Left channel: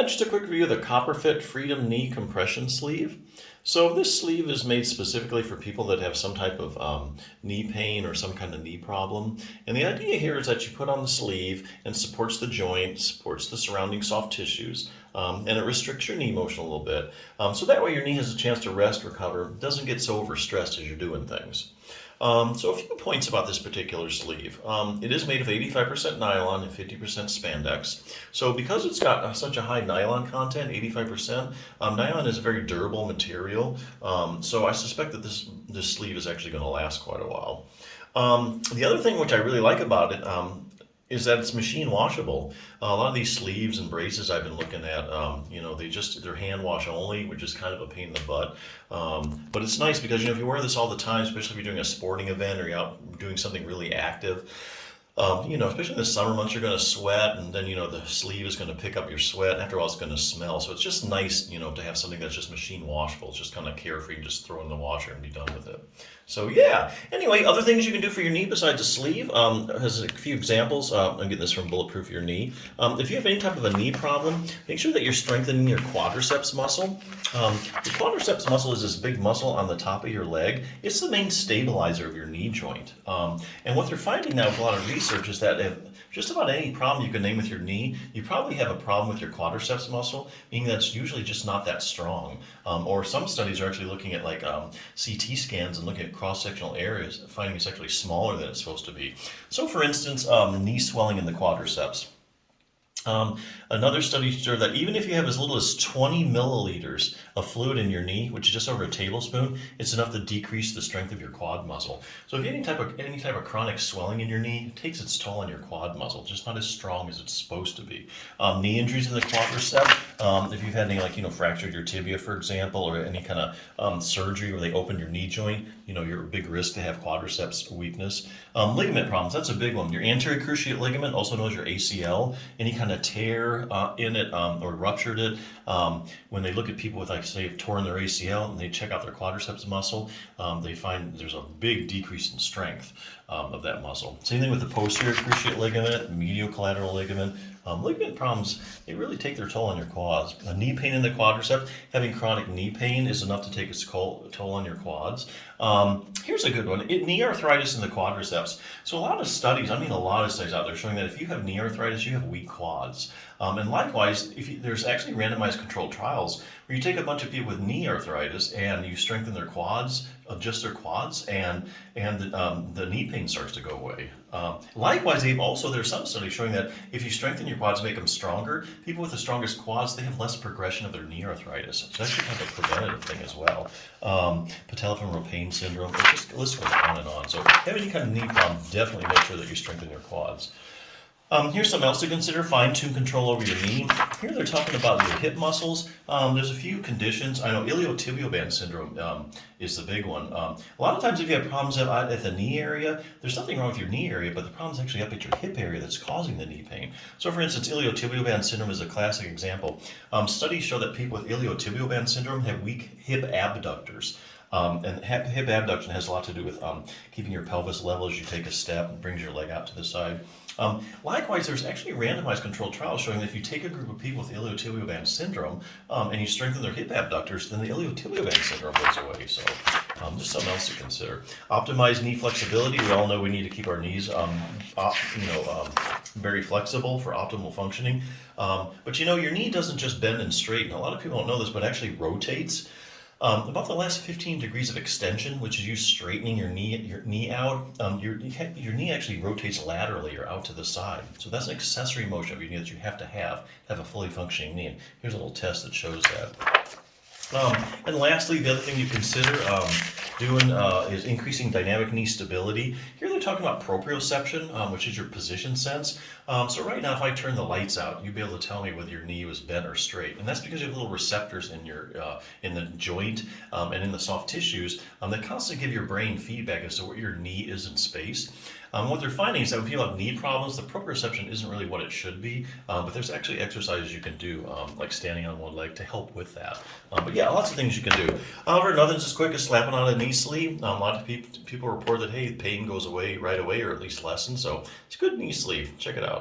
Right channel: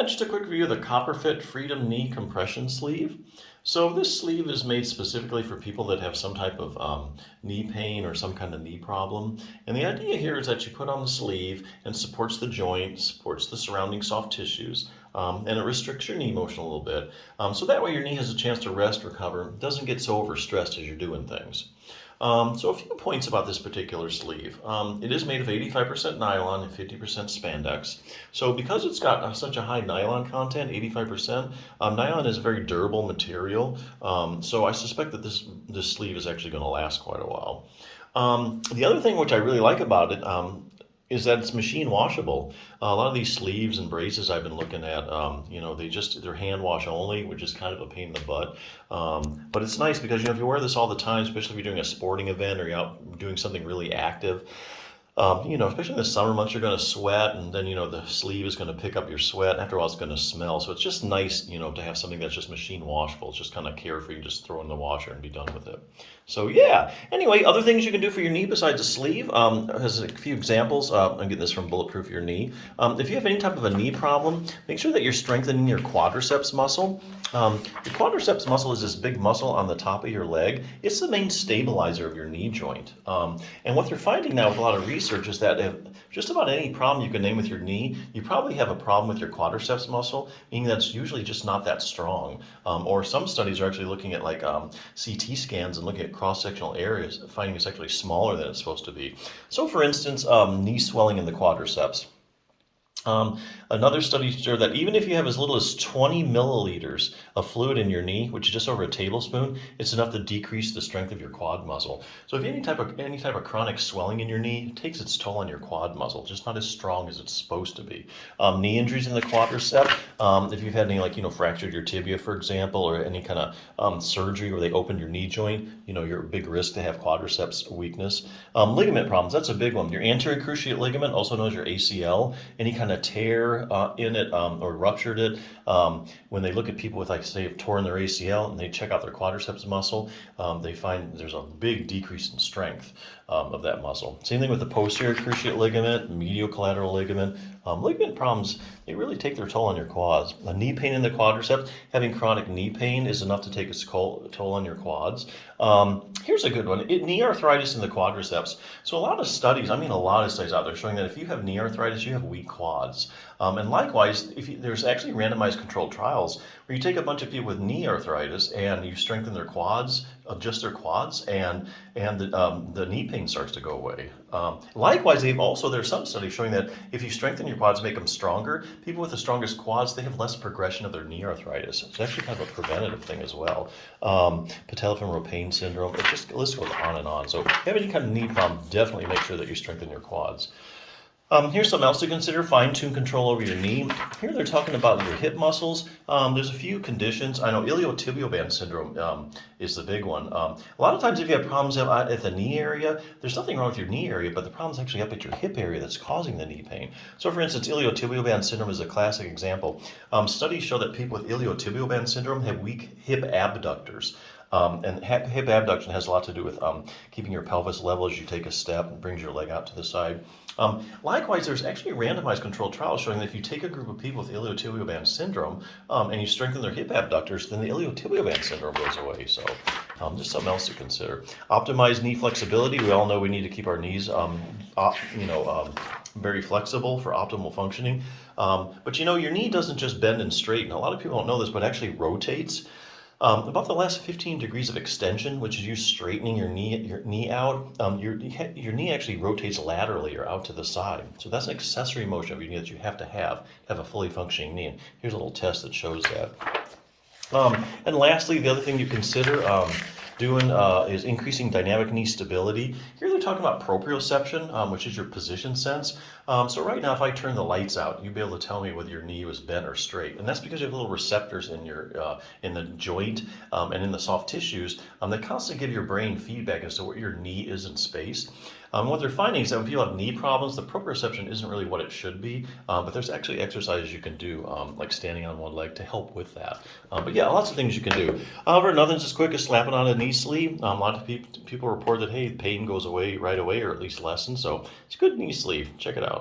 Yeah, just a quick review of the CopperFit Freedom Knee Compression Sleeve. So this sleeve is made specifically for people that have some type of knee pain or some kind of knee problem. And the idea here is that you put on the sleeve and supports the joint, supports the surrounding soft tissues, and it restricts your knee motion a little bit. So that way your knee has a chance to rest, recover, doesn't get so overstressed as you're doing things. So a few points about this particular sleeve. It is made of 85% nylon and 50% spandex. So because it's got such a high nylon content, 85%, nylon is a very durable material. So I suspect that this sleeve is actually going to last quite a while. The other thing which I really like about it is that it's machine washable. A lot of these sleeves and braces I've been looking at, they're hand wash only, which is kind of a pain in the butt. But it's nice because, if you wear this all the time, especially if you're doing a sporting event or you're out doing something really active, especially in the summer months, you're going to sweat, and then, the sleeve is going to pick up your sweat. After a while, it's going to smell. So it's just nice, to have something that's just machine washable. It's just kind of carefree. You just throw in the washer and be done with it. So yeah. Anyway, other things you can do for your knee besides a sleeve. Has a few examples. I'm getting this from Bulletproof Your Knee. If you have any type of a knee problem, make sure that you're strengthening your quadriceps muscle. Your quadriceps muscle is this big muscle on the top of your leg. It's the main stabilizer of your knee joint. And what they're finding now with a lot of research is that if just about any problem you can name with your knee, you probably have a problem with your quadriceps muscle, meaning that's usually just not that strong. Or some studies are actually looking at CT scans and looking at cross-sectional areas, finding it's actually smaller than it's supposed to be. So for instance, knee swelling in the quadriceps. Another study showed that even if you have as little as 20 milliliters of fluid in your knee, which is just over a tablespoon, it's enough to decrease the strength of your quad muscle. So if you have any type of chronic swelling in your knee, it takes its toll on your quad muscle, just not as strong as it's supposed to be. Knee injuries in the quadricep, if you've had any fractured your tibia, for example, or any kind of surgery where they opened your knee joint, you're at big risk to have quadriceps weakness. Ligament problems, that's a big one. Your anterior cruciate ligament, also known as your ACL, any kind of tear in it or ruptured it. When they look at people with, say, have torn their ACL and they check out their quadriceps muscle, they find there's a big decrease in strength of that muscle. Same thing with the posterior cruciate ligament, medial collateral ligament. Ligament problems, they really take their toll on your quads. A knee pain in the quadricep, having chronic knee pain is enough to take its toll on your quads. Here's a good one, knee arthritis in the quadriceps. So a lot of studies out there showing that if you have knee arthritis, you have weak quads. And likewise, there's actually randomized controlled trials where you take a bunch of people with knee arthritis and you strengthen their quads, adjust their quads, and the knee pain starts to go away. Likewise, there's some studies showing that if you strengthen your quads, make them stronger, people with the strongest quads, they have less progression of their knee arthritis. It's actually kind of a preventative thing as well. Patellofemoral pain syndrome, the list goes on and on. So if you have any kind of knee problem, definitely make sure that you strengthen your quads. Here's something else to consider, fine-tune control over your knee. Here they're talking about your hip muscles. There's a few conditions. I know iliotibial band syndrome is the big one. A lot of times if you have problems at the knee area, there's nothing wrong with your knee area, but the problem's actually up at your hip area that's causing the knee pain. So for instance, iliotibial band syndrome is a classic example. Studies show that people with iliotibial band syndrome have weak hip abductors. And hip abduction has a lot to do with keeping your pelvis level as you take a step and brings your leg out to the side. Likewise, there's actually randomized controlled trials showing that if you take a group of people with iliotibial band syndrome and you strengthen their hip abductors, then the iliotibial band syndrome goes away. So just something else to consider. Optimize knee flexibility. We all know we need to keep our knees very flexible for optimal functioning. But your knee doesn't just bend and straighten. A lot of people don't know this, but it actually rotates. About the last 15 degrees of extension, which is you straightening your knee out, your knee actually rotates laterally or out to the side. So that's an accessory motion of your knee that you have to have a fully functioning knee. And here's a little test that shows that. And lastly, the other thing you consider doing is increasing dynamic knee stability. Here they're talking about proprioception, which is your position sense. So right now, if I turn the lights out, you'd be able to tell me whether your knee was bent or straight. And that's because you have little receptors in in the joint and in the soft tissues that constantly give your brain feedback as to where your knee is in space. What they're finding is that when people have knee problems, the proprioception isn't really what it should be, but there's actually exercises you can do, like standing on one leg, to help with that. But yeah, lots of things you can do. However, nothing's as quick as slapping on a knee sleeve. A lot of people report that, hey, pain goes away right away, or at least lessens. So it's a good knee sleeve. Check it out.